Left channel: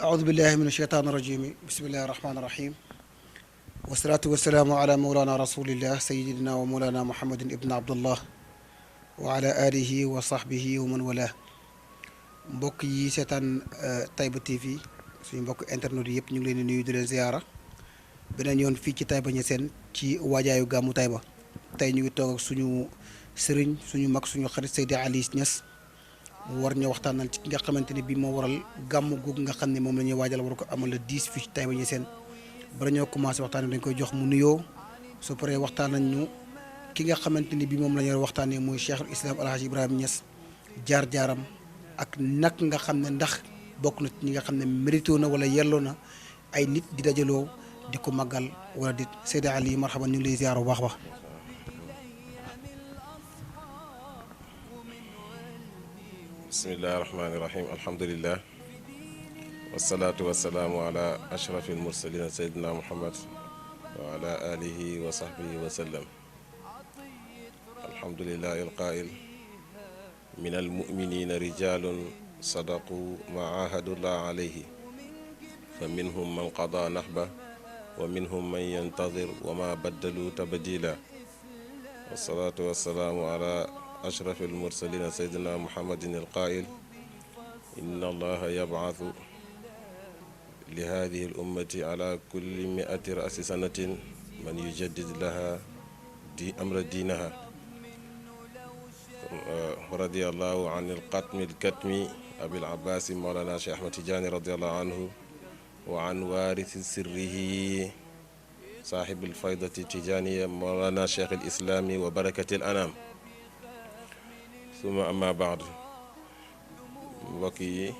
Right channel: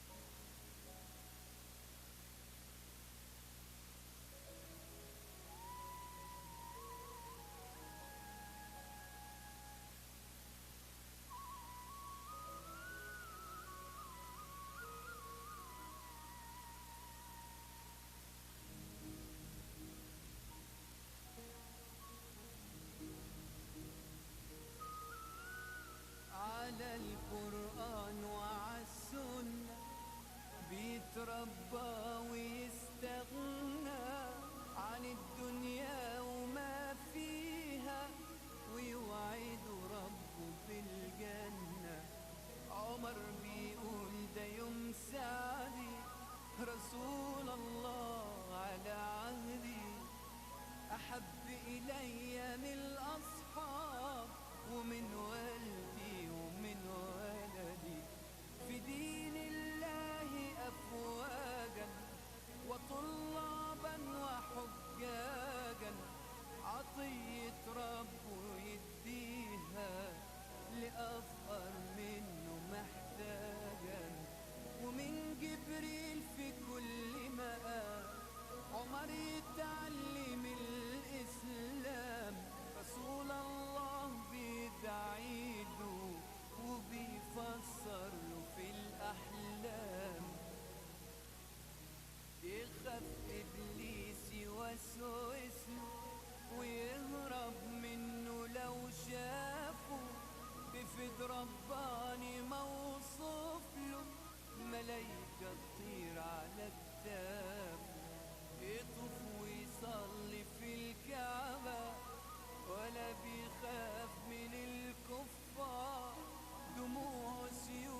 أعوذ بالله من الشيطان الرجيم بسم الله الرحمن الرحيم والصلاة والسلام على مولانا رسول الله سيدنا ومولانا محمد ابن عبد الله وعلى آله وصحبه ومن والاه mbokk yi seetaan Taïba TV suñu mbokk internet yi yëpp ñu ngi leen di nuyu di leen ziyaara beneen yoon fii ci Taïba Niassène ci waajaayu gàmmu Taïba tey ñu ngi toog ak suñu sëriñ suñu mag suñu xarit Seydi Ali Niass mu war ñu waxtaanal ci ki nga xamante ne bii moo waral gàmmu googu nga xam ne moom la ñuy waajal war ko amal le 10 fii ci Taïba Niassène bala ñoo commencé waxtaan dañ koy jox mu nuyoo su paree waxtaan nañ ñu ki nga xamante ni bii moom la ñu waxtaanee mooy Cheikhul Islam Alhaji Ibrahima Niass jaar-jaaram ak nag nga xam ne ndax bokk na ci ñi nga xam ne mérito na wala yelloo na ay nit di dajaloo di ko màggal wala di Seydi Ali marhaban ñu ngi lay ziar bu baax wax bismillahi rahmaani rahim alhamdulillah wasalaatu wasalaamu ala ashrafi almursalina sayidina muhammad wa ala alihi wa sahbihi wa sallam alhamdulillahi alqail min almuminina rijalun sadaqu ma ahadullah alayhi fa minhum man qada nahba wa minhum man yantadir wa ma baddalu tabdila wasalaatu wasalaamu ala أشرف المرسلين سيدنا محمد القائل إن الله يبعث لهذه الأمة على كل 100 رأس سنة من يجدد لها أمر دينها ورضي الله عن القتم الكتم أبي العباس مولانا شيخ أحمد تجاني رضي الله عنه وعن وارث سره صاحب الفيضة التجانية مولانا شيخ الإسلام وبركة الأنام suma amma baad mbokk yi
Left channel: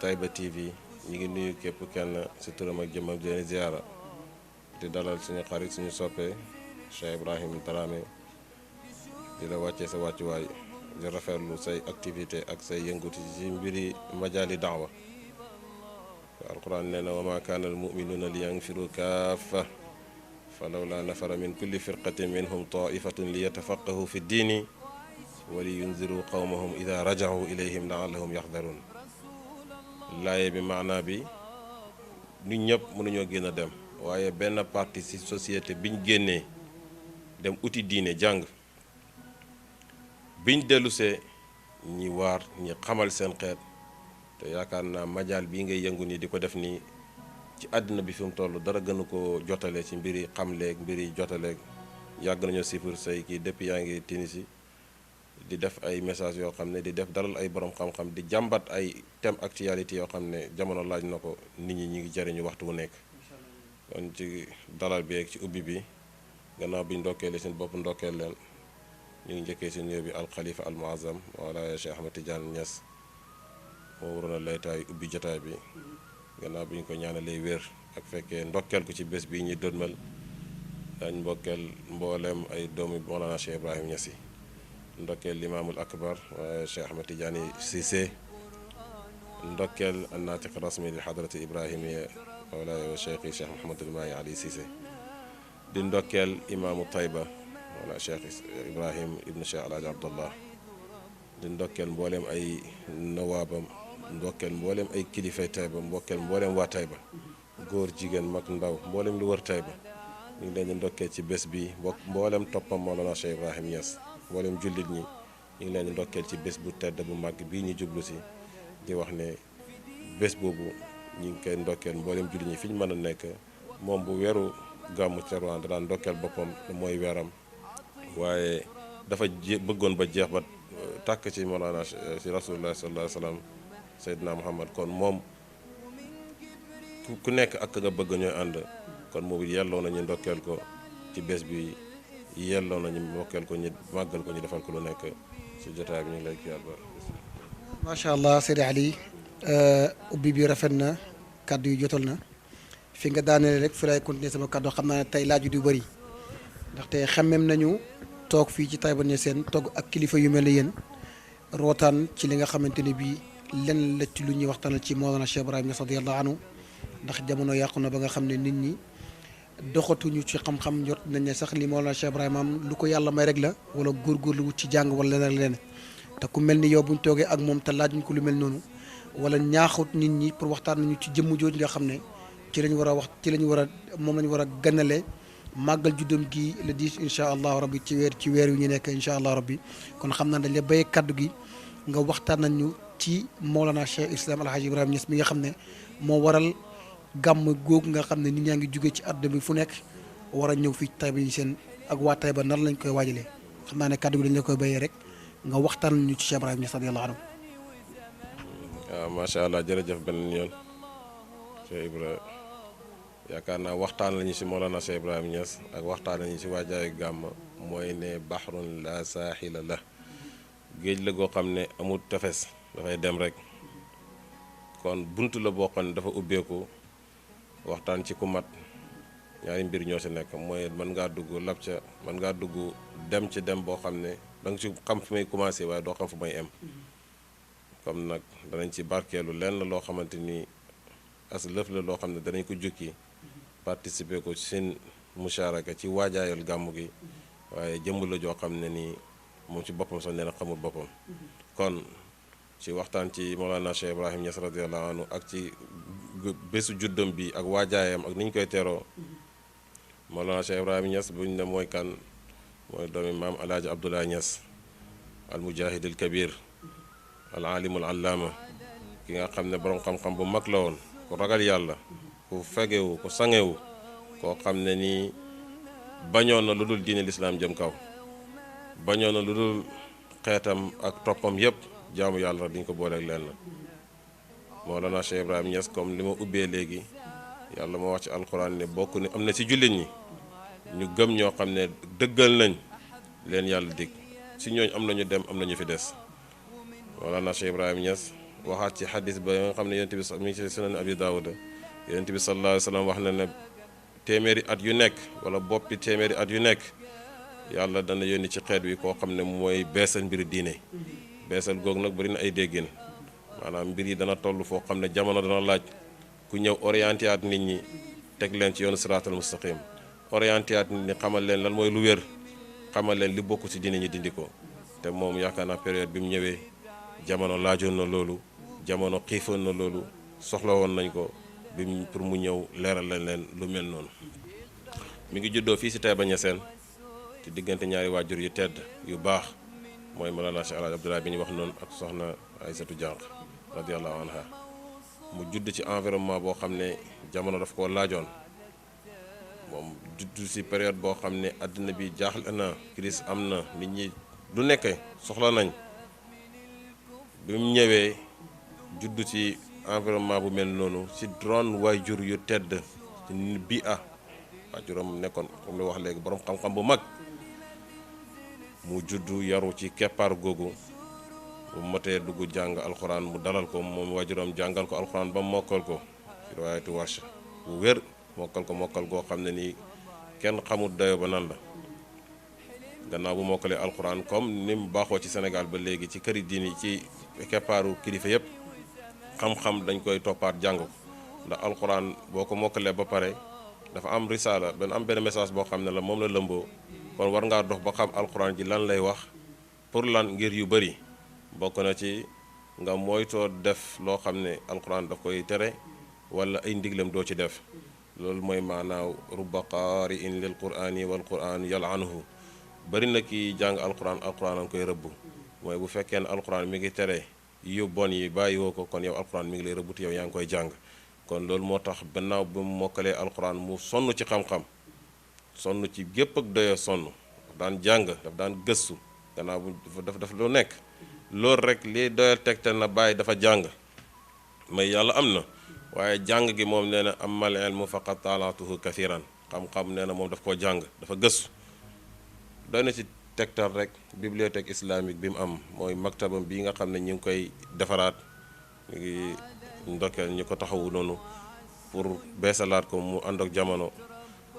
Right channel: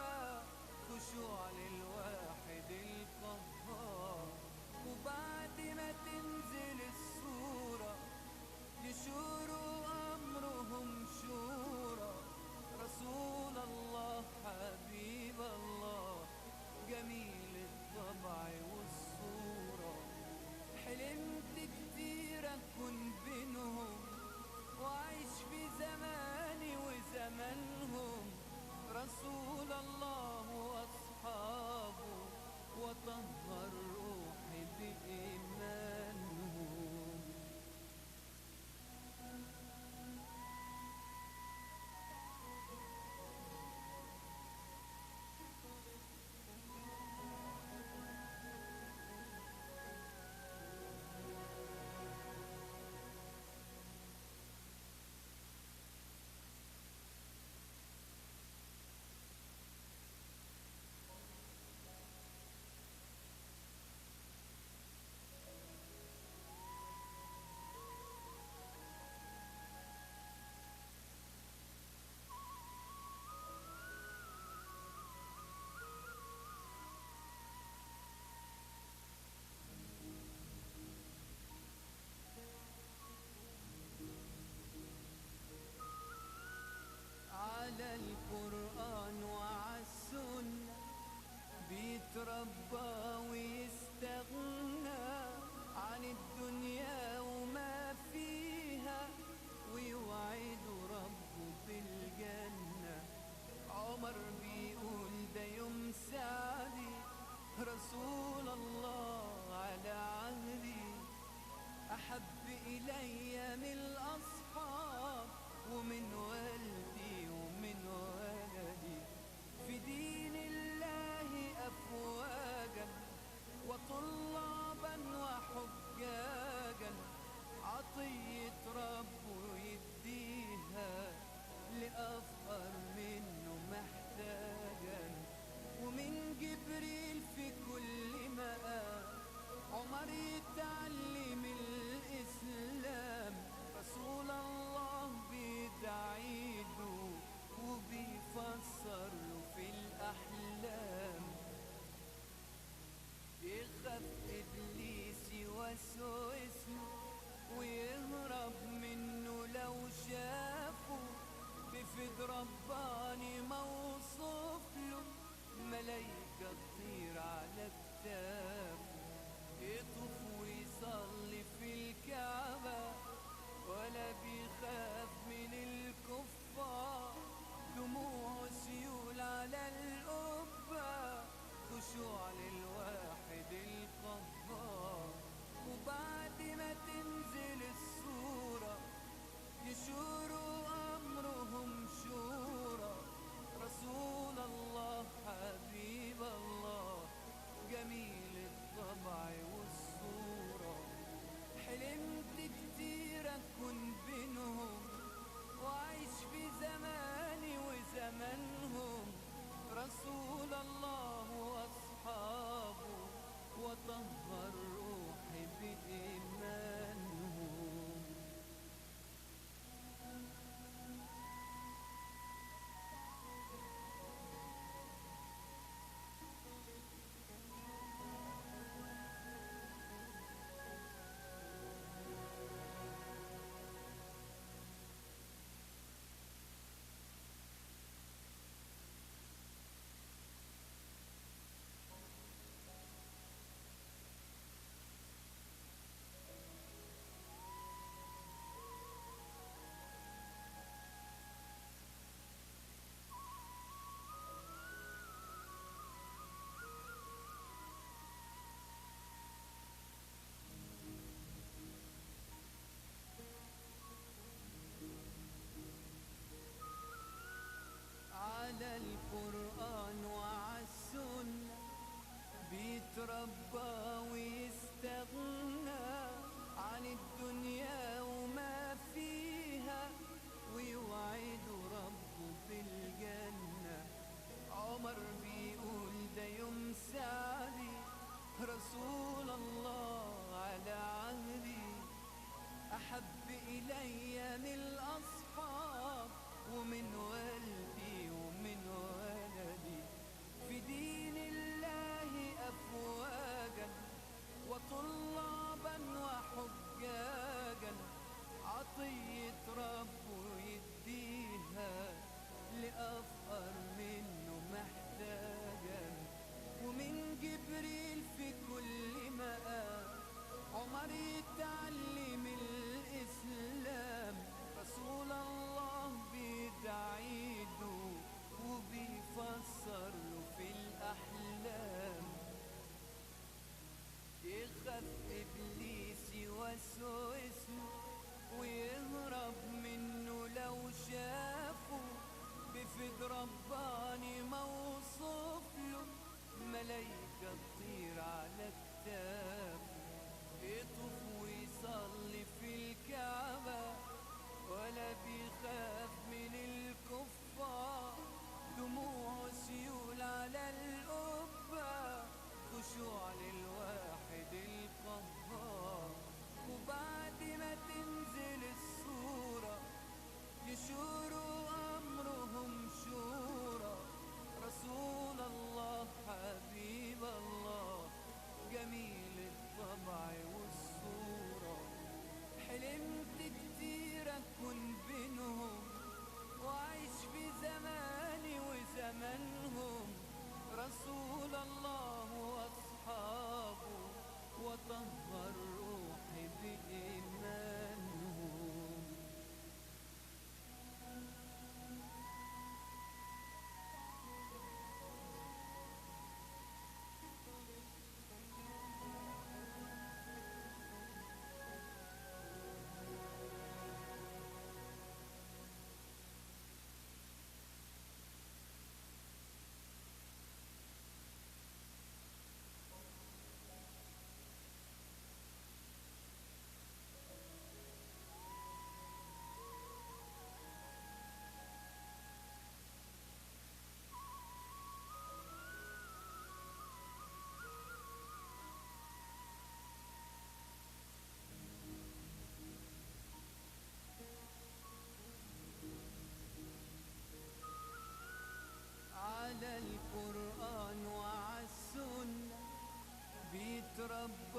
Taïba TV ñu ngi nuyu képp kenn ci turam ak jëmmam di leen ziara di dalal suñu xarit suñu soppe Cheikh Ibrahim Dramé di la wàccee sa wàccuwaay di rafetlu say activité ak say yënguti ci mbiri majaali daawa alquran nee na wa ma kaana al muminuuna li yanfiru kaafa falawla nafara min kulli firqatin minhum taifatun li yatafaqahu fi ddiini wali yunziru qawmahum ida rajahu ilayhim laallahum yaxdaruun laaye bi maanaa bi nit ñëpp mënuñoo génn a dem waaye benn parti ci société biñ génnee dem uti diine jàng biñ dellusee ñi waar ñi xamal seen xeet te yaakaar naa majaal bii ngay yëngu nii di ko def nii ci àddina bi fi mu toll dara gënu ko jotale ci mbiri xamleeg mbiri jotaleeg yàgg nañoo sifir say kii depuis yaa ngi Tunisie di def ay message yoo xam ne di def dalal ay borom xam-xam di jàmbat ay thème actualité yoo xam ne jamono laaj na ko nit ñi ngi jëriñu waxtu wu nekk kon ci dalal bi ak ci ubbi bi gannaaw bi ñu ndokkeele seen bopp ndokkeel leen ñu ngi njëkkee si nuyoo bi alxalifa al muazzam wala Cheikh Ahmad Tidiane Niass moo waroon a laytaay ubbi jotaay bi gannaaw bi ñu ko ñaanalee wér ak fekkee ndokkeel ko ci bés bii ñuy dënmal dañ mbokkeel mbooleem ay doomu Mawlana Cheikh Ibrahim Niass yi ndokkeel limaamul akbar Cheikh Ahmad Tidiane Cissé ndokkeel annaatiq rasmi li xadrati ibrahimiya wala cheikh Mouhamadul Mahi Ali Cissé di ndokkeel imaamu Taïba wala cheikh Ibrahim ibnu cheikh Alhaji Abdallah di ndokkeel mbooleem ay nawaabam ndokkeel mbooleem ay kilifay Taïba mbokkeel mbooleem waa Taïba góor jigéen mag ndaw mbooleem lu wër Taïba ñu ngi leen di ndokkeel ci bés bi mbooleem toppam Mawlana Cheikh Ibrahim Niass mbooleem jullit ñi ñu ngi leen di ndokkeel ci bés bu tedd bu màgg bii ñu jublu si di wax ne bés boobu ñu ngi koy ndokkeel mbooleem jullit ñi fi ñu mën a nekk moom bu weeru gàmmu Tiwaawan daan ndokkeel boppam mooy weeram waaye dafa bëggoon ba jeex ba tàkk ci Mawlana ci rasulullah sallallahu alayhi wa sallam Seydina Muhammad kon moom ku nekk ak nga bëgg ñooy ànd kon moom yelloo nañu ndokkeel ko ci bés bi yelloo nañu ndokkeel ko ñu màggal ko ñu defal ko lu nekk ci jotaay bi ñu lay kii àlbar macha allah Seydi Ali ubbi bi rafet na kàddu yu jotal na fi nga daaneel rek fi lay continuer sama kàddu xam naa ne tey laaj du bëri ndaxte xemmem nañu toog fii ci Taïba Niassène toog ak kilifa yu mel ne yéen rootaan ci li nga xamante ne bii lenn la ci lu ñuy waxtaanal ci Mawlana Cheikh Ibrahim Niass radiyallahu anhu ndax jamono yàqu na ba nga xam ne nit ñi doxatuñu ci xam-xam jot nañ ne sax li Mawlana Cheikh Ibrahima am lu ko yàlla may rek la wala góorgóorlu wut ci jàng wala leneen te ku mel ni yow buñ toogee ak moom te laajuñ ko lu mel noonu wala ñaaxut nit ñi pour waxtaan nañu ci jëmm jooju nga xam ne ci lañ war a wax ci lañ war a moom lañ war a ganale màggal juddam gi le 10 incha allah rabbi ci weer yu ñu nekk incha allah rabbi kon xam naa dañ la béy kaddu gi nga waxtaan nañu ci Mawlana Cheikh Islam Alhaji Ibrahima Niass mi nga xam ne moo waral gàmm googu nga xam ne nit ñaa ngi jóge ci àdduna bi fu nekk war a ñëw fii Taïba Niassène ak waa Taïba nan lañ koy waajalee xam naa ne kaddu gi dañ la koy béyee rek nga waxtaan nañu ci Cheikh Ibrahima Niass radiyallahu anhu. waaw macha allah jërëjëf benn yoon Cheikh Ibrahima yaakaar naa waxtaan lañu si Mawlana Cheikh Ibrahima Niass ak waxtaan lañu si waajaayu gàmm mooy ne bahrun la saaxila la géej la goo xam ne amul tefes dafay dem rek kon bunt la boo xam ne dafa ubbeeku waxtaan ci ku mat ñaari mbir ñoo si nekk mooy mën ngaa dugg lab ca mën ngaa dugg dem ci dem boo xam ne da nga ci xam fi may commencé waaye doo xam fu may em comme nag danañ ci barkeelu lenn loo xamante ni as lëf la loo xam ne danañ ko jukki participer ko seen musharaka ci waajaayal gàmmu gi waaye jëmm la joo xam ne nii moom ci boppam sax nee na xamul boppam kon ci waxtaan ci Mawlana Cheikh Ibrahima Niass radiyallahu anhu ak ci bésu juddam bi ak waajaayam ak ni ñu koy teeroo Mawlana Cheikh Ibrahima Niass buñ ne mooy kan mooy doomi maam alaaji Abdoulaye Niass al mujahid al kabir al alim al allaama ki nga xam ne borom xam-xam bu mag la woon ku ragal yàlla ku fegewu ku sangewu koo xam ne nii bañoon na lu dul diine lislaam jëm kaw bañoon na lu dul xeetam ak toppam yépp jaamu yàlla duñ ko booleeg lenn Mawlana Cheikh Ibrahima Niass comme li ma ubbee léegi yàlla moo wax ci alxuraan ne bokk ni am na ci jullit ñi ñu gëm ñoo xam ne dëggal nañ leen yàlla dig si ñooñ am nañu dem am nañu fi des Mawlana Cheikh Ibrahima Niass waxaat ci xadis ba nga xam ne yonent bi mi ngi ci sunan Abi Daawuda yonent bi sallallahu alayhi wa sallam wax na ne téeméeri at yu nekk wala boppi téeméeri at yu nekk yàlla dana yónni ci xeet wi koo xam ne mooy beesal mbiri diine beesal googu nag bari na ay déggin maanaam mbir yi dana toll foo xam ne jamono dana laaj ku ñëw orienté at nit ñi teg leen ci yoonu siraatal mustaqim orienté at nit ñi xamal leen lan mooy lu wér xamal leen li bokk ci diine ñi dindi ko te moom yaakaar naa période bi mu ñëwee jamono laajoon na loolu jamono xiifoon na loolu soxla woon nañ ko bi pour mu ñëw leeral leen lu mel noonu mi ngi juddoo fii si Taïba Niassène ci diggante ñaari waajur yu tedd yu baax mooy Mawlana Cheikh Alhaji Abdoulaye bi ñu wax noonu ak soxna Aysatu Jànq radiyallahu anha mu judd ci environnement boo xam ne jamono daf koo laajoon moom judd si période boo xam ne àddina bi jaaxle na crise am na nit ñi lu nekk soxla nañ bi mu ñëwee judd ci environnement bu mel noonu ci ron waajur yu tedd bi waajuram nekkoon comme lu wax léegi borom xam-xam bu mag mu juddu yaru ci keppaar googu bu motee dugg jàng alxuraan mu dalal ko moom waajuram jàngal ko alxuraan ba mokkal ko riwaayatu Warsh bu wér mokkal goo xam ne nii kenn xamul dayo ba nan la gannaaw bu mokkalee alxuraan comme ni mu baaxoo ci Sénégal ba léegi ci këri diini ci keppaaru kilifa yépp xam-xam dañ koy toppaat jàng ndax alxuraan boo ko mokkalee ba pare dafa am risaala benn message boo xam ne la moom la lëmboo kon war ngaa dox ba xam alxuraan ji lan lay wax pour lan ngir yu bëri bokk na ci nga moytoo def loo xam ne alxuraan daf koy tere wala ay ndiglam doo ci def loolu mooy maanaaw rubba qaari'in lil qur'ani wal qur'an yal'anuhu bëri na ki jàng alxuraan an koy rëbb mooy bu fekkee ne alxuraan mi ngi tere yu bon yi bàyyi woo ko kon yow alxuraan mi ngi lay rëbb te yow yaa ngi koy jàng kon loolu moo tax gannaaw ba mu mokkalee alxuraan mu sonn ci xam-xam sonn ci gépp ak doyo sonn daf daan jàng daf daan gëstu gannaaw bu daf lu nekk loolu rek li doyal tegtal na bàyyi dafa jàng may yàlla am na waaye jàng gi moom nee na amal ilmu faqad talaatuhu kathiran xam-xam nee na moom daf koo jàng dafa gëstu doy na ci tegtal rek bibliothèque islamique bi mu am mooy maktabam bii nga xam ne ñu ngi koy defaraat ñu ngi ndokkeel ñu ko taxawu noonu pour beesalaat ko mu ànd ak jamono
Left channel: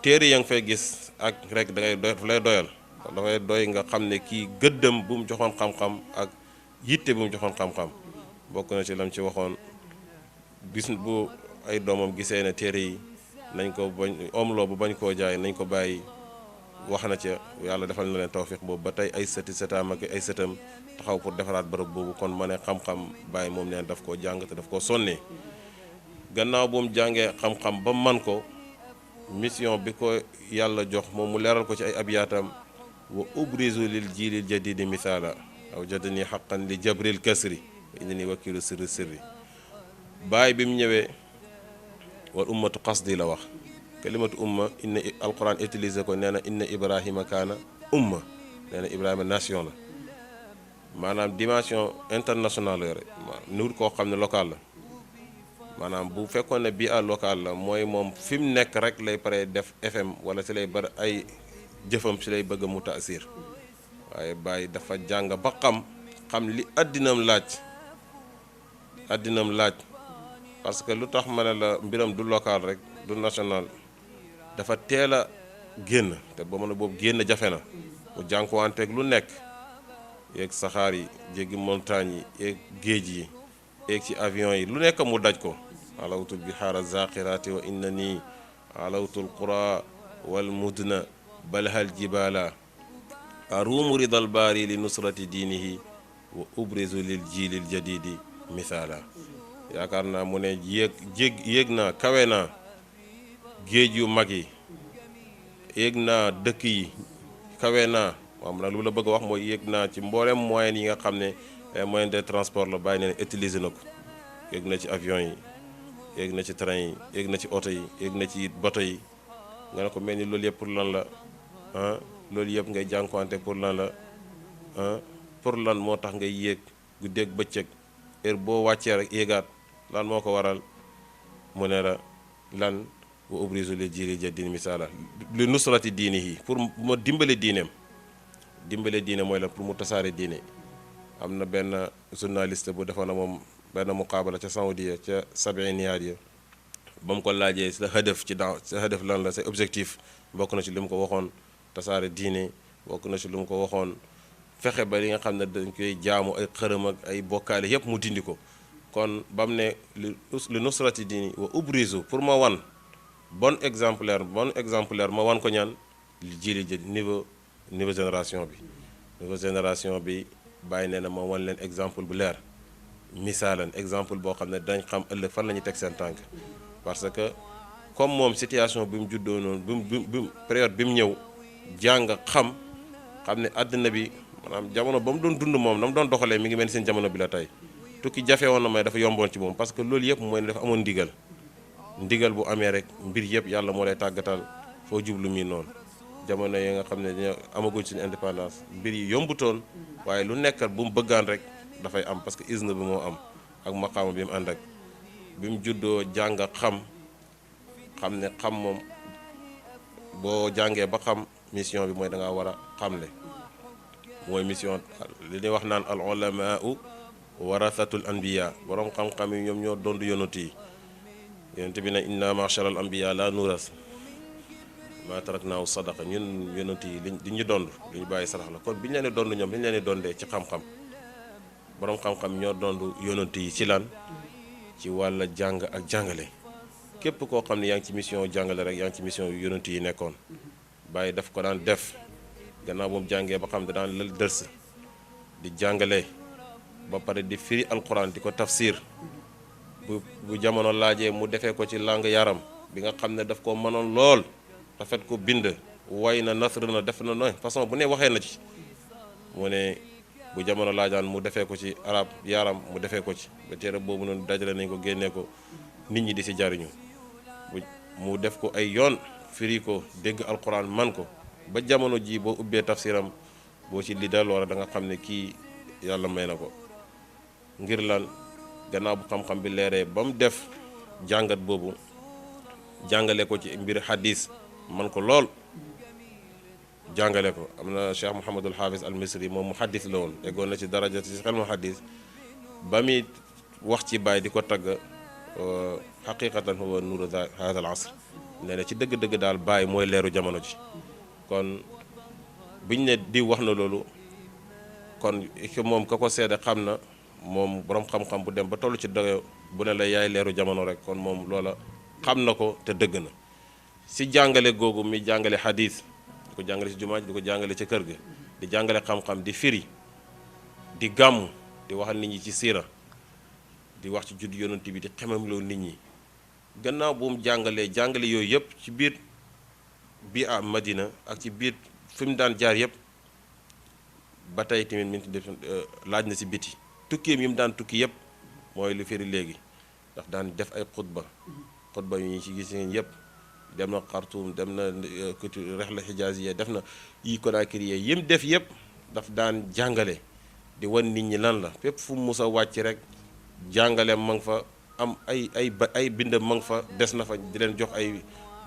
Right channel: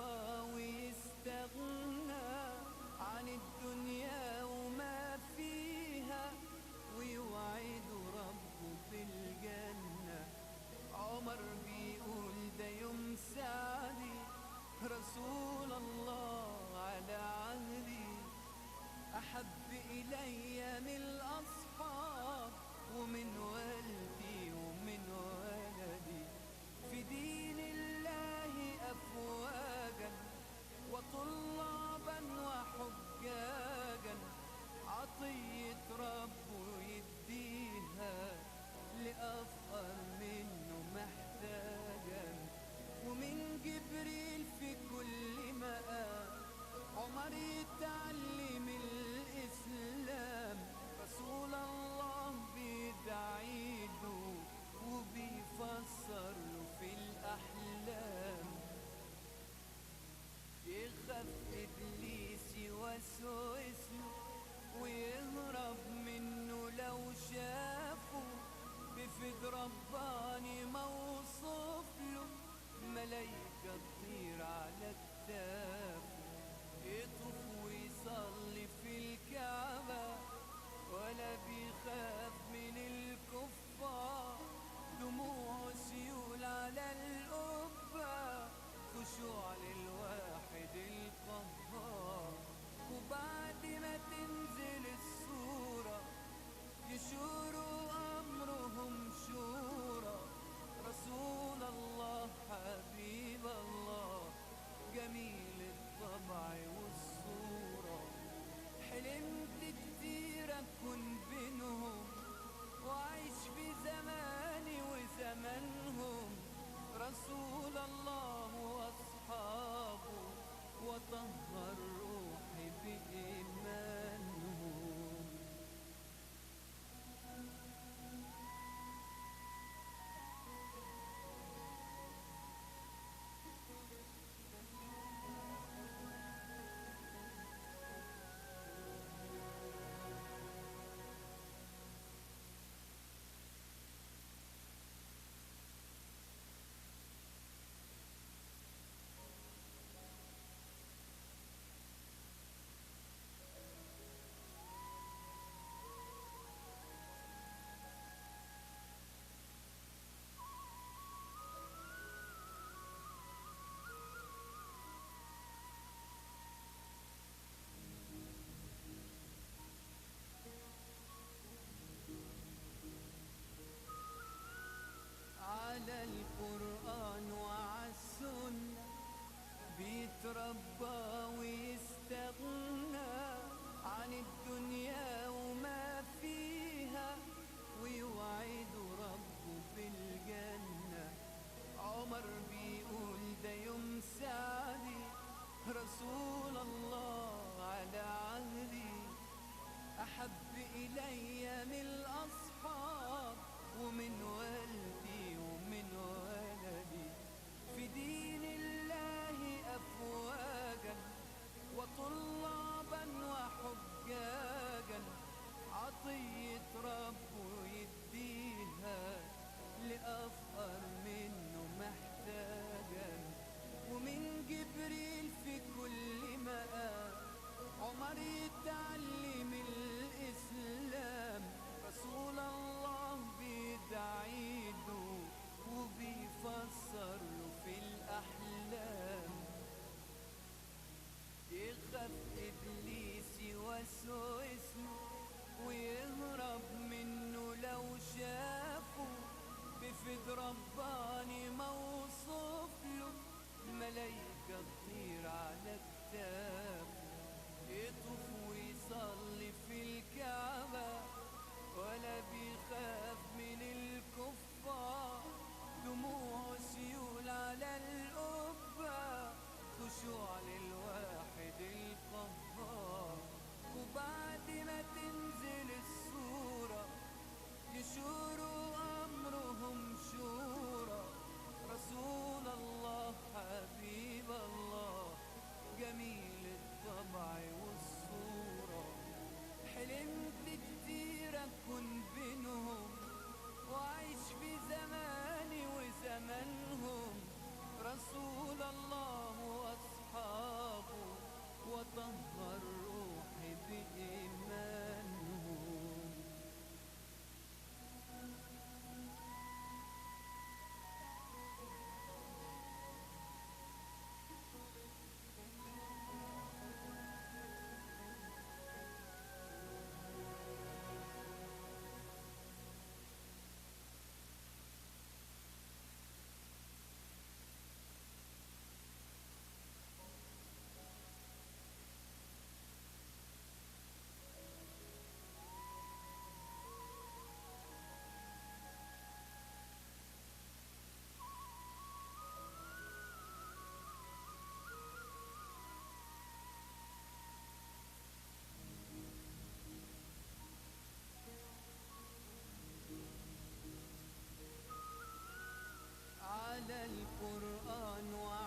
téere ya nga fay gis ak rek lay doyal dafay doy nga xam ne kii gëddëm bu mu joxoon xam-xam ak yitte bu mu joxoon xam-xam bokk na ci lam ci waxoon bis bu ay doomam gisee ne téere yi nañ ko bañ omloo bu bañ koo jaay nañ ko bàyyi wax na ca yàlla defal na leen tawfiq boobu ba tey ay sëti sëtaam ak ay sëtam taxaw pour defaraat bërëb boobu kon ma ne xam-xam bàyyi moom neen daf koo jàng te daf koo sonnee gannaaw bu mu jàngee xam-xam ba man ko mission bi ko yàlla jox moom mu leeral ko ci ay abiyaatam wa ubrizu lil jiilil jadidi misaala aw jadani xaqan li jabril kasri inni wakilu sirri sirri bàyyi bi mu ñëwee wal ummatu qasdi la wax kalimatu umma inna alquran utilisé ko nee na inna ibrahima kaana umma nee na ibrahima nation la maanaam dimension internationale yore nuur koo xam ne local la maanaam bu fekkoon ne bii à local la mooy moom fi mu nekk rek lay pare def FM wala si lay bari ay jëfam si lay bëgg mu taasir waaye bàyyi dafa jàng ba xam li addinam laaj parce que lu tax ma ne la mbiram du local rek du national dafa teel a génn te ba mën a boobu génn jafe na mu jànkuwanteeg lu nekk yeeg saxaar yi jéggi montagne yi yeeg géej yi yeeg ci avion yi lu nekk mu daj ko alawtul bihaara zaqirati wa inna nii alawtul qura wal mudna balhal jibala aruumu ridal baari li nusrati diinihi wa ubrizu lil jiilil jadidi misaala yaakaar naa mu ne yéeg naa kawe naa géej yu mag yi yéeg naa dëkk yi kawe naa moom nag lu la bëgg a wax mooy yéeg naa ci mboolem moyen yi nga xam ne moyen de transport la bàyyi ne utiliser na ko yéeg na ci avion yi yéeg na ci train yi yéeg na ci oto yi yéeg na ci bato yi nga ne ko mel ni loolu yëpp pour lan la loolu yëpp ngay jànkuwante pour lan la pour lan moo tax ngay yéeg guddeeg bëccëg heure boo wàccee rek yéegaat lan moo ko waral mu ne la lan wa ubrizu li jiili jadin misaala li nusrati diini yi pour ma dimbale diineem dimbale diine mooy la pour mu tasaare diine am na benn journaliste bu defoon na moom benn muqaabala ca Saoudia ca sabiniyaat ya ba mu ko laajee sa hadaf ci daaw sa hadaf lan la sa objectif bokk na ci li mu ko waxoon tasaare diine bokk na ci li mu ko waxoon fexe ba li nga xam ne dañ koy jaamu ay xërëm ak ay bokkaale yépp mu dindi ko kon ba mu ne li nusrati diini wa ubrizu pour ma wan bon exemplaire ma wan ko ñaan li jili jë niveau génération bi bàyyi nee na ma wan leen exemple bu leer misaalan exemple boo xam ne dañ xam ëllëg fan la ñuy teg seen tànk parce que comme moom situation bi mu juddoo noonu bi mu période bi mu ñëw jàng xam ne àddina bi maanaam jamono ba mu doon dund moom na mu doon doxalee mi ngi mel seen jamono bi la tey tukki jafe woon na may dafa yomboon ci moom parce que loolu yëpp mooy ne dafa amoon ndigal bu amee rek mbir yëpp yàlla moo lay tàggatal foo jublu mi noonu jamono yi nga xam ne dañoo amaguñ suñu indépendance mbir yi yombutoon waaye lu nekkat bu mu bëggaan rek dafay am parce que izna bi moo am ak maqaama bi mu ànd ak bi mu juddoo jàng xam ne xam moom boo jàngee ba xam mission bi mooy da ngaa war a xamle mooy mission li ñuy wax naan al ulamaau warasatul anbiya borom xam-xam yi ñoom ñoo doon yonent yi yonent bi ne inna ma'shara al anbiya la nuras ma taraknaahu sadaqa ñun yonent yi li ñu dond li ñu bàyyi sarax la kon bi ñu leen di dond ñoom li ñu leen di dondee ci xam-xam borom xam-xam ñoo dond yonent yi ci lan ci wàlla jàng ak jàngale képp koo xam ne yaa ngi ci mission jàngale rek yaa ngi ci mission yonent yi nekkoon bàyyi daf ko daan def gannaaw moom jàngee ba xam ne daan lël dërs di jàngale ba pare di firi alquran di ko tafsir bu jamono laajee mu defee ko ci langue yaram bi nga xam ne daf ko mënoon lool rafet ko bind way na nasr na def na no façon bu ne waxee na ci mu ne bu jamono laajaan mu defee ko ci arab yaram mu defee ko ci ba téere boobu noonu dajale nañ ko génnee ko nit ñi di si jariñu mu def ko ay yoon firi ko dégg alquran man ko ba jamono ji boo ubbee tafsiram boo ci li dal wala da nga xam ne kii yàlla may na ko ngir lan gannaaw bu xam-xam bi leeree ba mu def jàngat boobu jàngale ko ci mbir hadis man ko lool jàngale ko am na Cheikh Mouhamadul Hafiz al Misri moom mu hadis la woon eggoon na ci daraja ci xel mu hadis ba muy wax ci Baay di ko tagg xaqiqatan huwa nuuru haadal asr nee na ci dëgg-dëgg daal Baay mooy leeru jamono ji kon biñ ne di wax na loolu kon moom ka ko seede xam na moom borom xam-xam bu dem ba toll ci doyo bu ne la yaay leeru jamono rek kon moom loola xam na ko te dëgg na si jàngale googu mi jàngale xadis di ko jàngale si jumaa ji di ko jàngale ci kër ga di jàngale xam-xam di firi di gàmm di waxal nit ñi ci siira di wax ci judd yonent bi di xemamloo nit ñi gannaaw bu mu jàngale yooyu yëpp ci biir bi a Madina ak ci biir fi mu daan jaar yëpp ba tey tamit mi def laaj na si biti tukkiam yi mu daan tukki yëpp mooy lu firi léegi ndax daan def ay xutba yu ñu ci gis ngeen yëpp dem na Xartuum dem na rexla xijaaziya def na yi Konaakiri yi mu def yëpp daf daan jàngale di wan nit ñi lan la fépp fu mu mus a wàcc rek jàngale ma nga fa am ay bindam ma nga fa des na fa di leen jox ay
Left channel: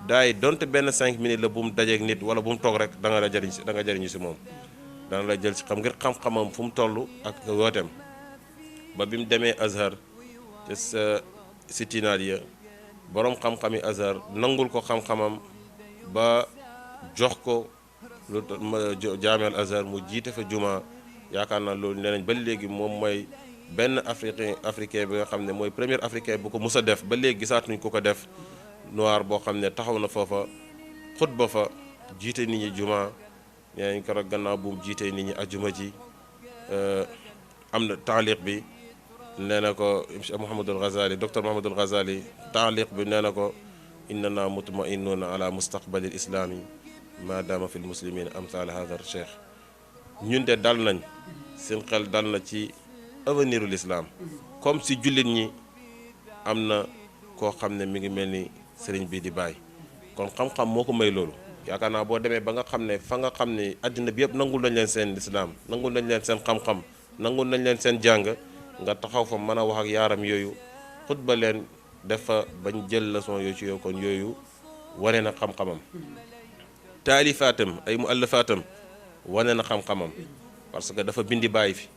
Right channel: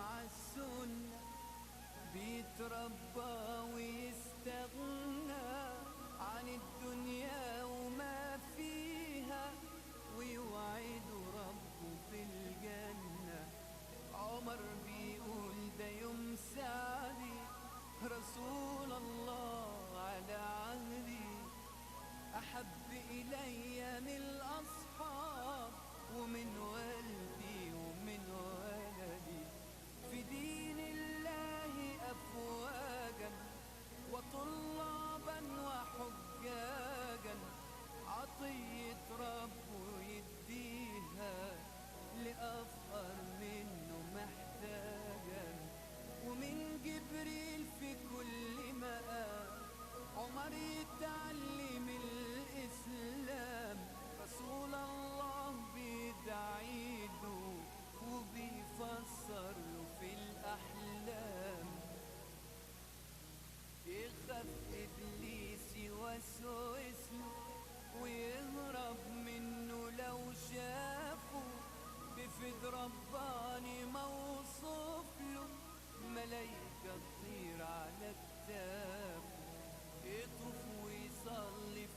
daay donte benn 5 minutes la bu mu dajeek nit wala bu mu toog rek da nga jëriñu si moom dana la jël si xam ngir xam-xamam fu mu toll ak wooteem ba bi mu demee Azhar te si tinaal ya boroom xam-xami Azhar nangul ko xam-xamam ba jox ko lu jaameel Azhar mu jiite fa juma yaakaar naa loolu nee nañ ba léegi moom mooy benn africain bi nga xam ne mooy premier africain bu ko mus a def ba léegi gisaatuñ ku ko def noir boo xam ne taxaw na foofa xutba fa jiite nit ñi juma nee nañ ko rek gannaaw bu mu jiitee nit ñi ajuma ji am na taaliq bi nee na ko Mouhamadul Ghazali docteur Mouhamadul Ghazali taaliq bi nee na ko innana mutma'innuna ala mustaqbalil islami ma dama fil muslimin amsal hadha cheikh ñun de dal nañ seen xel dal na ci avenir ul islam comme si jullit ñi am na koo xam ne mi ngi mel ni sëriñ bi di bàyyi kon xam-xam moo ko may loolu yaakaar naa boo demee ba nga xam ne fa nga xam ne àddina bi yëpp nangul nañ leen seen lislaam nangul nañ leen seen xam-xam nangul nañ leen seen jàng nga taxaw fa mën a wax ak yaaram yooyu xutba leen def fa bañ jël leçon yooyu ci yow kon yooyu wane na xam-xamam taalifaatam ay muallafaatam wane na xam-xamam parce que dafa bindi bàyyi fi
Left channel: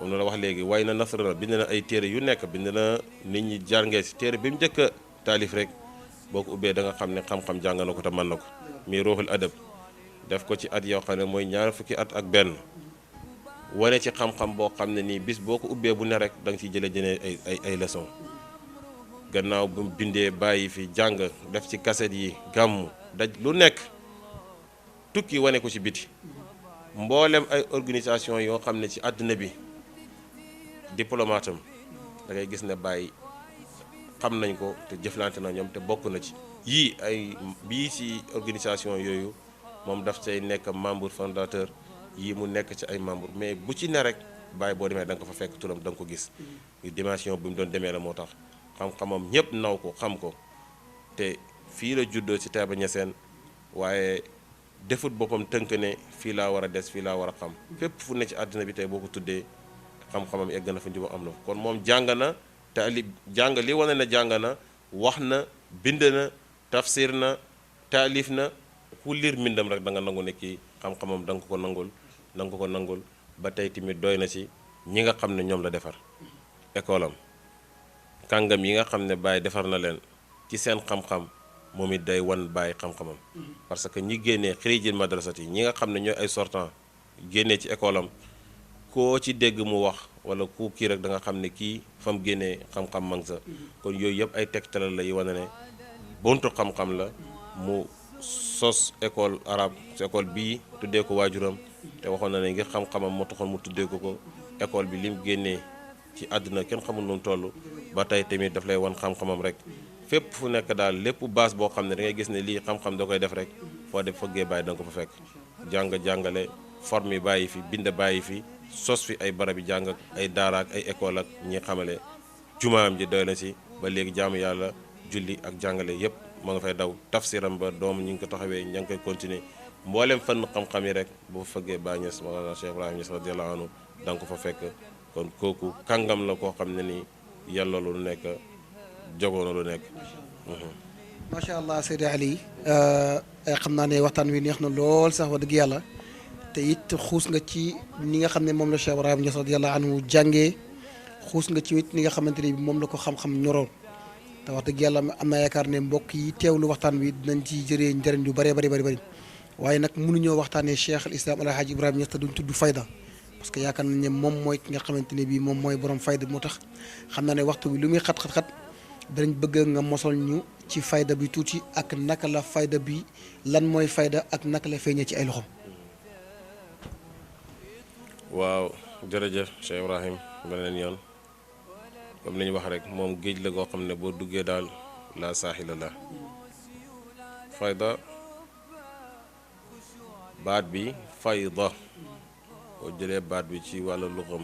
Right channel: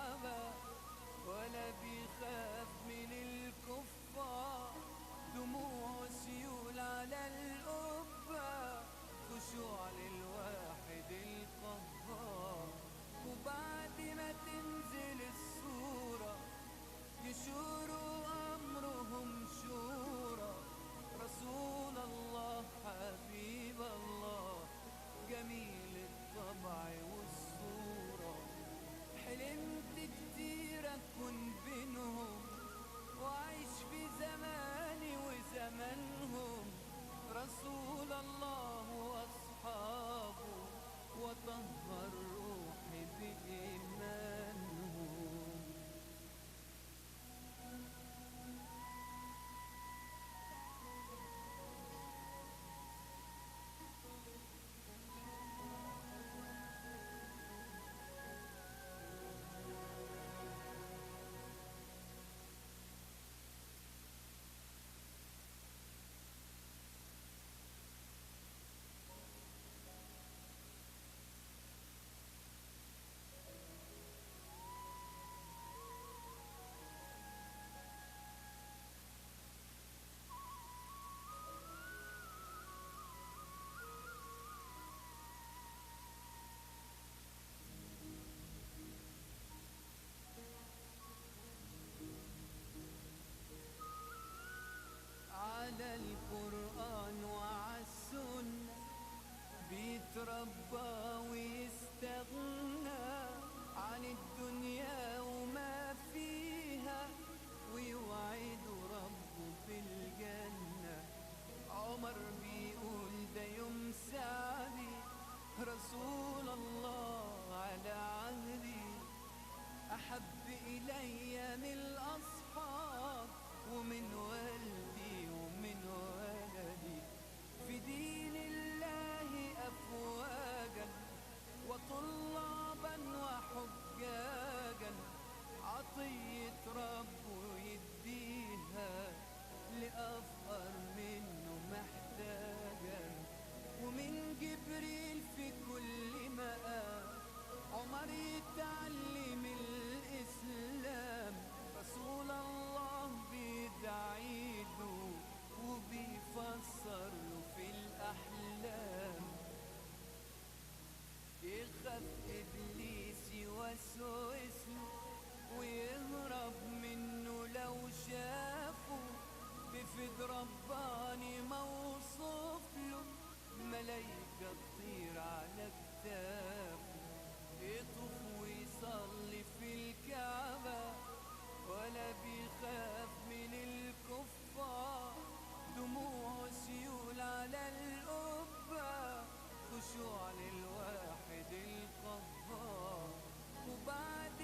moom la wax léegi way na nasra na bind na ay téere yu nekk bind na nit ñi jàngee si téere bi mu njëkk a taalif rek boo ko ubbee da nga xam ne xam-xam jàng na ko te mën na ko mi ruuxul adab def ko ci at yoo xam ne mooy ñaar fukki at ak benn wane ci xam-xam boo xam ne nii bis boo ko ubbee bu ne rek da nga ciy jëlee ay leçon gannaaw bu mu bindee bàyyi fi jàng def ci kaset yi gàmmu daj lu nekk tukki wane ko ci biti mboolem ay organisation yoo xam ne ci àdduna bi diplomate am da ngay gis ne bàyyi xam nañ ko te jëflante na ñoom te bokk na ci bii ci organisation yooyu moom daf cay nekk membre fondateur yii mu nekk ci ay membre mais bu ci ne rek bàyyi boo demee da nga ko fa fekk turam da nga ko gis dimension bi mu doon demee la moo tax xam-xamam ñëpp naw ko xam ko te fii la juddoo ci Taïba Niassène waaye defut boppam tënk ne fii laa war a des fii laa war a xam fépp fu ne ci àddina bi tey boo ko tuddee xam-xamam egg na fa njubam am na kon moom jàng na jàng li wane na jàng na wax na bind na tafsir na taalif na ku liir mbindam rek da nga nangu ne kii xam-xamam da nga ko nangul ba tey tamit doy na ci ñi nga xam ne ñoom la defar école am kàngam yi nga xam ne Baye defar na leen ci seen xam-xam moom it day wan Baye xam-xamam parce que ñi génnee xirijil madrasat yi ñi nga xam ne ñooy ay sortant génnee ci école am koo ci dégg mu wax wala ku kii rek da nga xam ne kii fa mu génnee xam-xam mang sa kon yooyu yëpp ay tegtalal la yi wane ne buntu xam-xam la mu sos école arabe ci école bii tuddee ko waajuram te waxoon na ne ngir xam-xamam moo taxoon mu tuddee ko école bi lim génnee ci àdduna kenn xamul nu mu toll ba tey tamit daf lay wan xam-xamam rek fépp fu nekk daal lépp base boo xam ne da ngay gis ne lii xam-xam da koy def rek foo def fëggee bàyyi da nga ko fa fekk jàngale forme yi bàyyi fi bind bàyyi fi sos fi ay barab yi jàng ak ay daara ak ay école ak ñi xamale jumaam ji doy na si ba léegi jaamu yàlla julli ak jàngale yépp moo nga fay daw tafsiram ba doom ñi ngi ko taxawee ña ngi koy continuer mboolem fànn xam-xam yi rek bu fa fëggee Baay Ñas Mawlana Cheikh Ibrahima Ñas radiyallahu anhu da nga ko fa fekk kon kooku kàngam la koo xam ne ni yàlla lu nekk jogoona lu nekk. macha allah Seydi Ali xam naa ne waxtaan wi neex na lool sax wax dëgg yàlla te it xuus nga ci ni nga xam ne moom la Cheikh Ibrahima Ñas radiyallahu anhu jàngee xuus nga ci it ni nga xamante ne moom la ko xam-xam ñoroo te wax dëgg yàlla am naa yaakaar ne mbokk yi teewlu waxtaan wi dinañ ci jëree njëriñ yu bëree bëri waaye nag mënuñoo waxtaanee Cheikh al Islam El Hadj Ibrahima Ñas te duñ tudd fayda parce que yaakaar nañ ne moom mooy ki nga xamante ne bii moom mooy borom fayda bi. moo tax xam naa ne waxtu bi lu muy xat-xat-xat danañ bëgg nga mosol ñu ci fayda bi tuuti ak naka la fayda bi lan mooy fayda ak naka la feeñee ci ay loxo. waaw jërëjëf Cheikh Ibrahim beneen yoon comme ni ñu wax rek moom géej la goo xam ne boo duggee daal la saaxila la fayda baat bi fayda boo jëlee baat bi ci wàllu luxam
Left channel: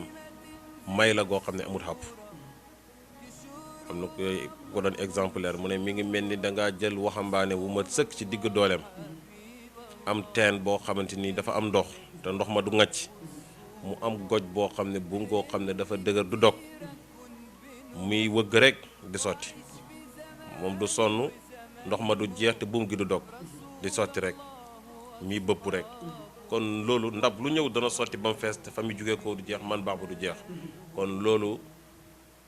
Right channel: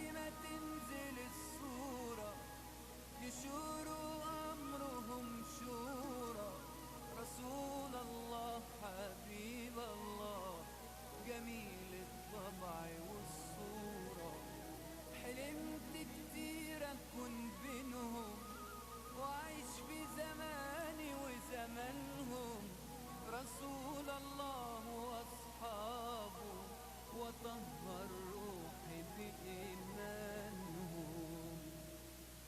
may la goo xam ne amul xàpp am na ko doon exemplaire mu ne mi ngi mel ni dangaa jël waxambaane wu ma sëkk ci digg dooleem am teen boo xamante ni dafa am ndox te ndox ma du ŋàcc mu am goj boo xam ne buum koo xam ne dafa dëgër du dog muy wëgg rek di sotti moom du sonn ndox ma du jeex te buum gi du dog di sotti rek muy bëpp rek kon loolu ndab lu ñëw dana sotti ba mu fees te fa mu jógee ko du jeex man baax ba du jeex kon loolu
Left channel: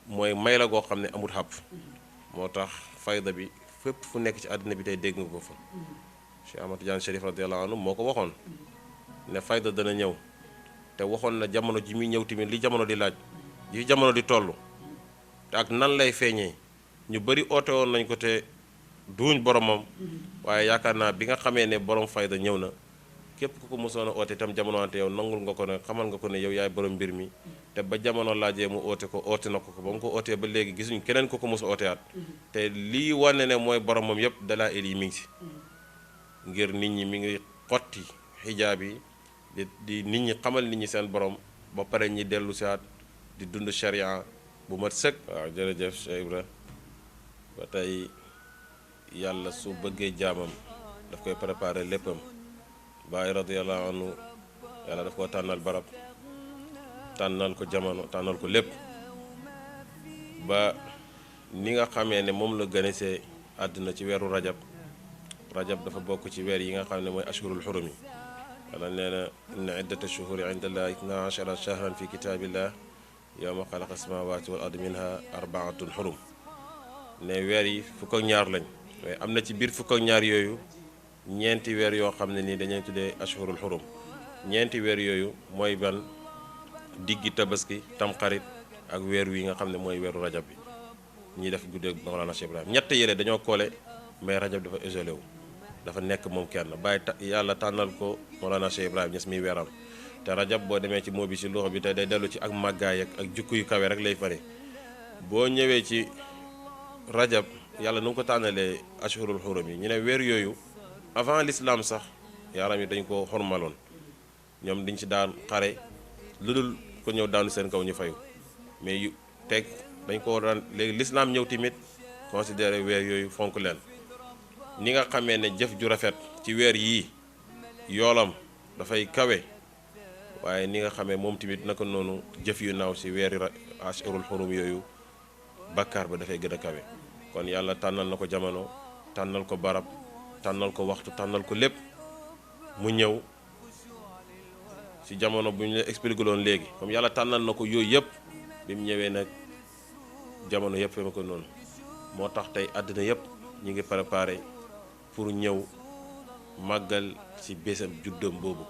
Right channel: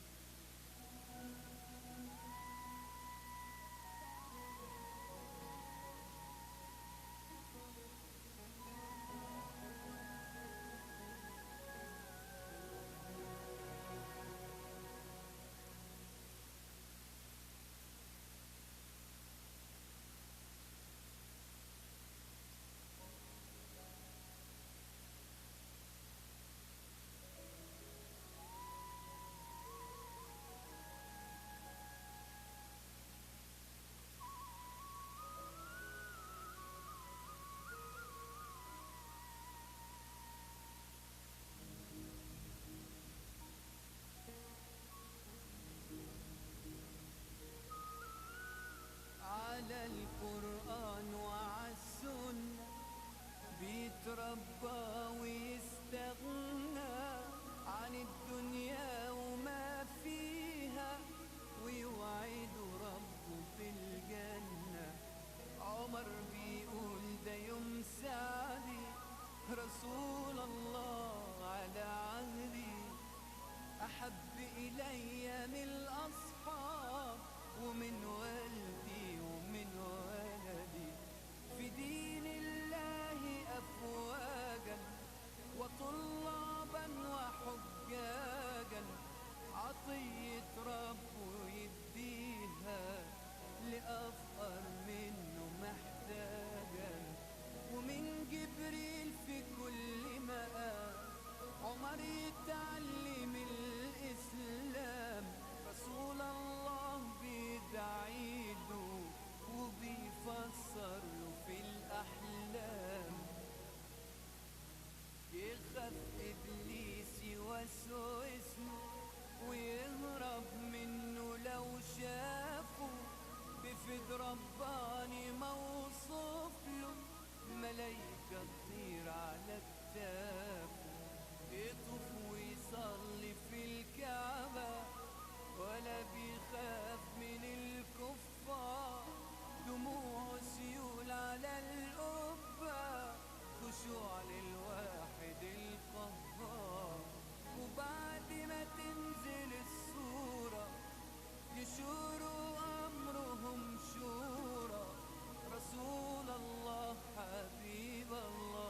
mooy may la goo xam ne amul xàpp moo tax fayda bi fépp fu nekk ci àddina bi tey dégg nga ko fa Cheikh Ahmad Tidiane Chérif radiyallahu anhu moo ko waxoon ne fayda dana ñëw te waxoon na jamono ji muy ñëw tamit li jamono di laaj li jamono di toll te ak nan lay feeñee ñu bari oote woon nañ ko te duuñ boromam waaye yaakaar naa bi nga xamee ne borom fayda ñëw na képp ku ko mosoon a oote itam jamono wante yow nangul nga ko ne xamal nga ko ne yow yaay borom mbir mi te ba jamono laajee mu oote ko oote na ko ba mu ko ootee ba léegi gisuñ keneen ku ko mos a ooteyaat te lii wane ne mooy boromam yëpp dalaa il yi mi ngi si ngir nit ñi mi ngi xotti xijaab yi di nit ñi xamal nit ñi seen borom ba pare ñi dellu siwaat di dund sharia bu mat sëkk. waaw jërëjëf Cheikh Ibra ba tey yàlla su bëggee jaamam daf koy préparé léppam Baay radiyallahu anhu yàlla daf koo tànnal barab tànnal ko jamono tànnal ko lépp ba ni nga xamee ne moom la gënesee àddina ci weeru rajab dafa bokk ci weer yi nga xam ne mooy ashhurul xurum yi wala nee na inna iddata shuhuri inda allahi itna ashara shahran fi kitaabillah yawma xalaqa samawati wal ardi minha arbaatun xurum ne weer yi fukk ak ñaar lañ mais am na ci biir fukk ak ñaar yooyu ñeenti weer yoo xam ne nii dañuy tuddee ashhurul xurum ñeenti weer yooyu mooy ban diggi tabaski tamxarit ak weer wi nga xam ne mooy weeru rajab bi ñiy def guddeeg Mawlana Cheikh Ibrahim ñett yële dañoo koole mais rajab dafa isolé wu dafa nekk moom kenn bàyyi yàlla tànnal ko Mawlana Cheikh Ibrahim ñes miy weeram te rajab boo demee ci moo bi ci loxo bi tey day dellu ci ak màggaay ak jukku yu kawe rek lay fari boo ñëwee ci rajab yàlla nu ngi ko tànnalee ashhurul xurum yi ñu ne weer yooyu avant l'islam sax yaaram yi dañ ko xormaloon ñoom dañ ci daan xare lu dul ko ñëw daanu seen kaw ñu fayu mais yu teg dañ ko daan léegi l'islam ñëw tamit considéré weer yooyu fonk leen ni nga xamee ne jëf ju rafet ci weer yii yoolam dafay kawe waaye ni nga xamee moom tamit naka noonu jëf yu naaw ci weeri ashhurul xurum yooyu bakkaar ba dafay gën a kawe kon yàlla tànnal na ko jamono tànnal ko barab tànnal ko waxtu tànnal ko lépp mu ñëw ci jamono bu ñu la expliqué loon léegi comme yàlla tànnal na ko yooyu yëpp bi mu ñëwee nag jamono yëpp fema ko noonu moo tax tey àddina yëpp ñu ngi préparé pour ñëw màggal ci bésam juddam boobu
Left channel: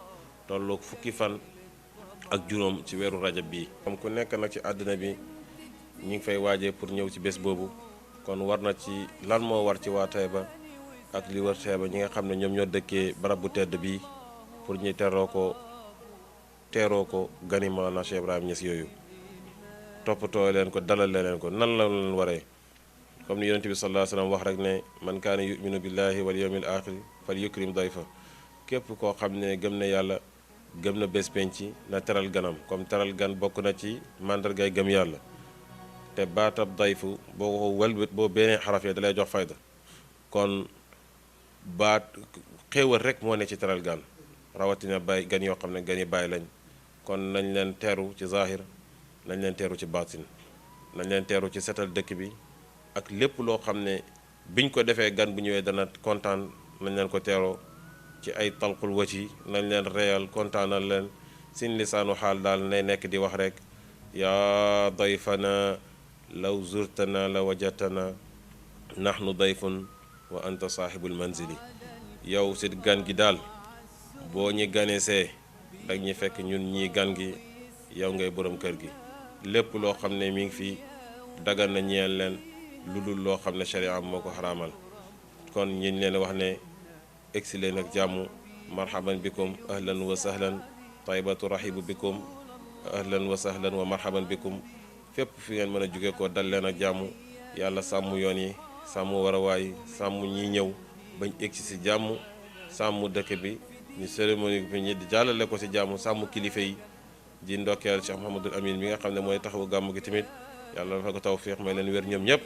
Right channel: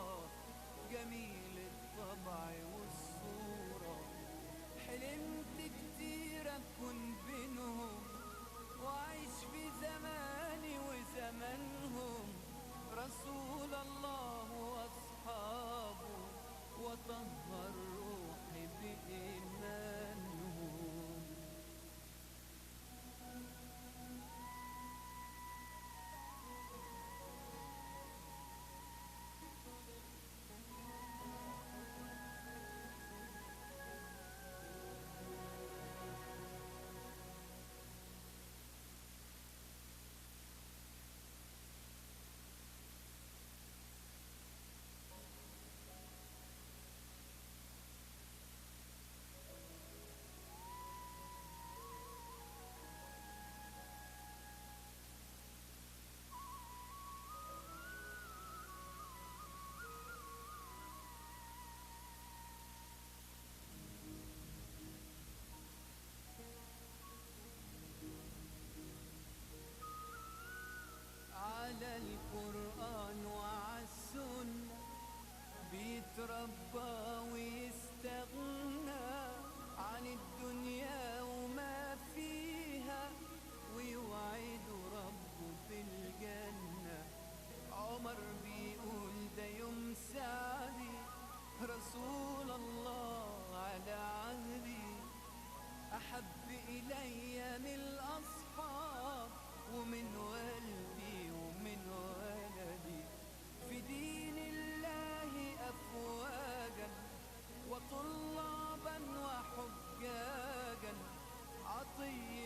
tolloog fukki fan ak juróom ci weeru rajab bii comme ku nekk nag ci àddina bi ñu ngi fay waajee pour ñëw ci bés boobu kon war na ci lan moo war ci waa Taïba ak li war Taïba ñi nga xam ne ñoom ñoo dëkkee barab bu tedd bii pour ñu teeroo ko gani Mawlana Cheikh Ibrahim Niass yooyu toppatoo leen ko dalal leen ko nan la leen waree comme ni yonent bi sallallahu alayhi wa sallam wax rek ne man kaana yuminu billahi wal yawmil axir fal yukrim dayfa képp koo xam ne gëm na yàlla gëm na bés penc na teral ganam comme teral gan bokk na ci màndargay gëm yàlla te baatab dayfu boo ko wëlbët boo beneen xaraf yi dalay jox fayda kon baat xéewal rek moo ne ci teral gan rawatina bay gan yoo xam ne gan yi bàyyi lañ kon nañ leen teeru ci zahir nañ leen teeru ci baatin nañ leen teeru ci setal dëkk bi ak lépp loo xam ne biñ ko defee gan bu ñëwee dana kontaan nañ leen ko teeroo ci ay talqul wati nañ leen reyal kontaanal leen sin lisaanu xaal daal nay nekk di wax rek yaa dayfana law zurtana la wajatana nahnu dayfun wa anta saaxibul manzili yow si gan gi daal boo ñi ganesee ak ñi fekk ñun ñii gan gi yow ngay borom kër gi lépp loo xam ne mi ngi fi dagan na ñeel leen lu dul loo xam ne sharia moo ko xaraamal kon ñin leen wax ne egsi leen ak jàmm marhaban bikum ahlan wa sahlan taybatu rahibu bikum ahlan wa sahlan wa marhaban bikum fépp fi ngeen mën a jóge ko dal leen ak jàmm yàlla sàmm yoon yi sàmm warawaay sàmm ñi ñëw bañ egsi si jàmm sàmm dëkk bi ñu cérémonie bi ñi di jàllale ko si jàmm sàmm kilifa yi di ndokkeel Cheikh Mouhamadul Amin mi nga xam ne mooy taxawu gàmm gi tamit yàlla dafa ko tawfiix may leen wér ñoom ñëpp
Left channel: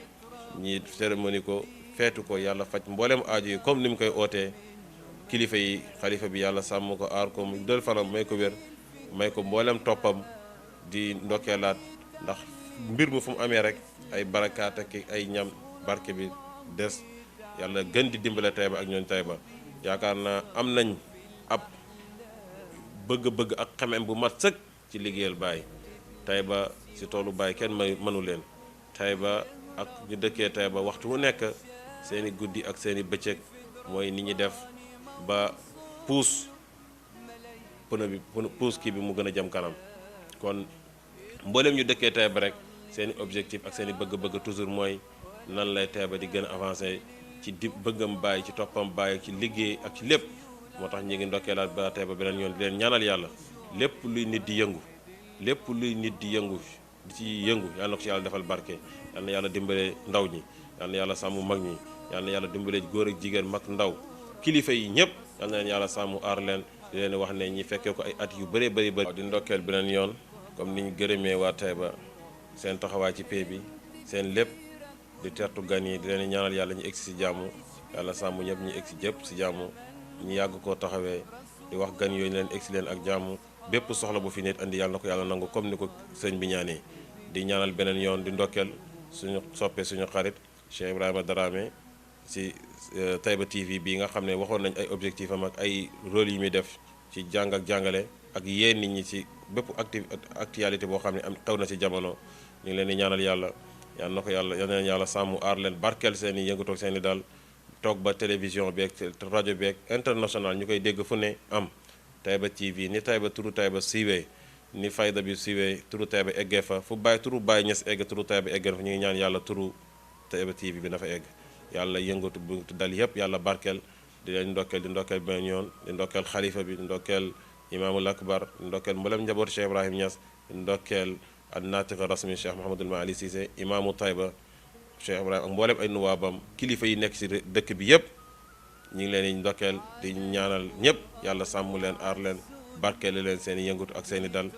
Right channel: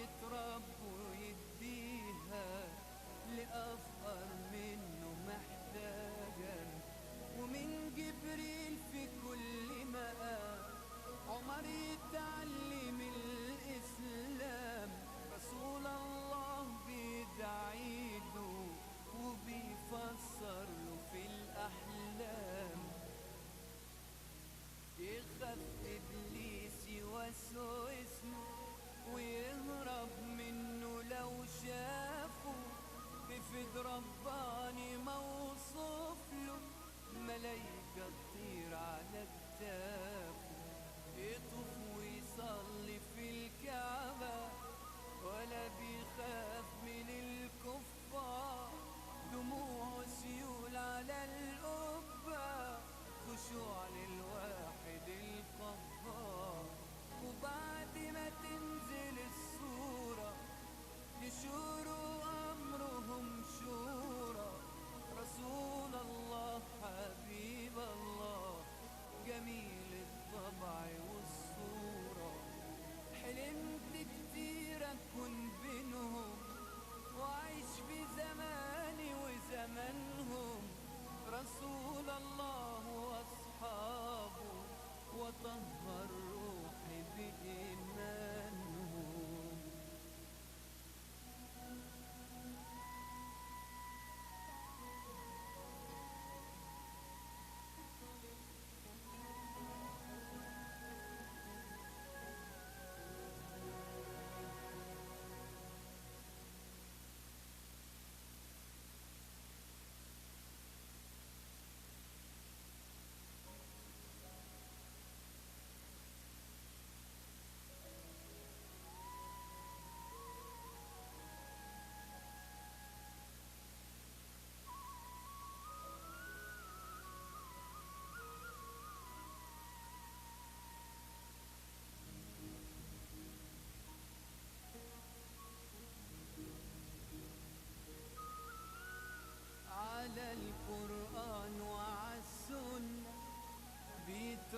ñi cérémonie ko feetu ko yàlla faj mboolem aaju yi comme ni mu koy ootee kilifa yi xalifa bi yàlla sàmm ko aar ko mu dël fanam may ko wér may ko mboolem toppam di ndokkeelaat ndax mbir mu fu mu amee rek ay barakaat ak ay ñam barke bi des yàlla gën di dimbale Taïba ak ñooñ Taïba yaakaar naa am nañ ab bëgg-bëgg ak xamem bu mat sëkk ci liggéeyal Baay Taïba si toolu Baay kenn mënu leen Taïba ak ñu dëkkee Taïba waxtu wu nekk seeni guddi ak seeni bëccëg mooy ni ñi def ba puus pënë bi puus kii bi mu gën a jëm kanam kon mboolem ñu dëkkee Taïba rek seeni objectif ak seeni bëgg-bëgg toujours mooy nan lay Taïba di gën a avancé ci di bëggam Baay ci toppam Baay ci liggéey ak ci lépp moo tax ñu ngi ndokkeelaat ba Taïba beneen yoon di leen ñaanal yàlla lépp luy nit di yëngu lépp luy nit di yëngu ci yëngu yàlla na ko ci yàlla defal barke yàlla na yàlla dimbale ndaw ñi yàlla na yàlla sàmm mag ñi yàlla na yàlla dimbale góor ak jigéen mag ndaw kilifa yi ñëpp yàlla na leen yàlla sàmm aar leen di leen wax ne ñi fekkee ko ay at yu bëree bëri di ndokkeel beneen yoon comme ni ñu gërëmee waa Taïba seen taxawaay ci pay bi seen lépp di tertu gan yi di leen ñaanal yàlla ñu egsi si jàmm yàlla sàmm ñëpp ñu egsi jëpp si jàmm ñu yàgg koo taxawee di wax gan yooyu leen egsi leen ak jàmm bépp soxla bu fi nit andi yàlla na ko yàlla nangu comme ni ko sëñ bi ñaanee di ñaanal beneen yoon di ndokkeel suñu soppee suñu xarit Cheikh Ibrahima Darame si Taïba TV bii nga xam ne waxoon nañ ay objectif am ak ay rôle yi muy def ci jàng ak jàngale ak yéen nit ñi ci bépp actualité boo xam ne am xew na ci jamono ñu ngi leen di ñaanal yàlla yal na ko yàlla yal na leen yàlla sàmm aar leen barkeel seen i yëngatoog seen i daal toog ba télévision beeg rajo beeg international ñu koy dégg fu ne am Taïba TV ni Taïba turu Taïba siiwee ni fayda bi siiwee turu Taïba eggee fa fu bàyyi turu Baay Ñas egg turu Taïba eggee fa ñu ngi ñaan yàlla turu Taïba TV bi na fa egg yàlla yëngatu bu dal yëpp yàlla barkeel di leen ndokkeel di ndokkeel beneen yoon di ndokkeel xalifa bi di ndokkeel imaamul akbar di ndokkeel mboolem njabootu Cheikh Ibrahim Niass di ndokkeel ak naatiqa rasmi Cheikh Mouhamadul Maali Cissé imaamu Taïba Cheikh Ibrahim ak mboolem ay nuwaabam kilifa yi nekk ci dëkk bi yëpp ñu ngi leen di ndokkeel di ñaanal ñëpp yàlla sàmm leen aar leen barkeele leen seen i yëngatu ak seen i dal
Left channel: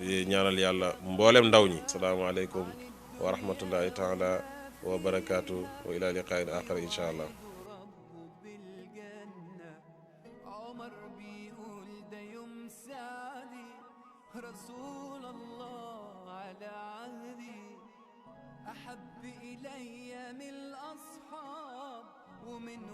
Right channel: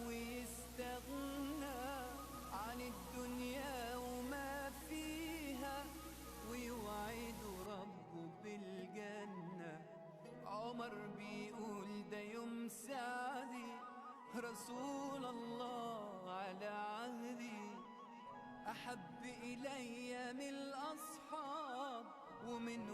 di ñaanal yàlla mboolem ndaw ñi asalaamaaleykum wa rahmatullahi taala wa barakaatu wa ila liqaayin aaxar incha allah رسول الله على عهدي أحب إلي من الأصحاب ومن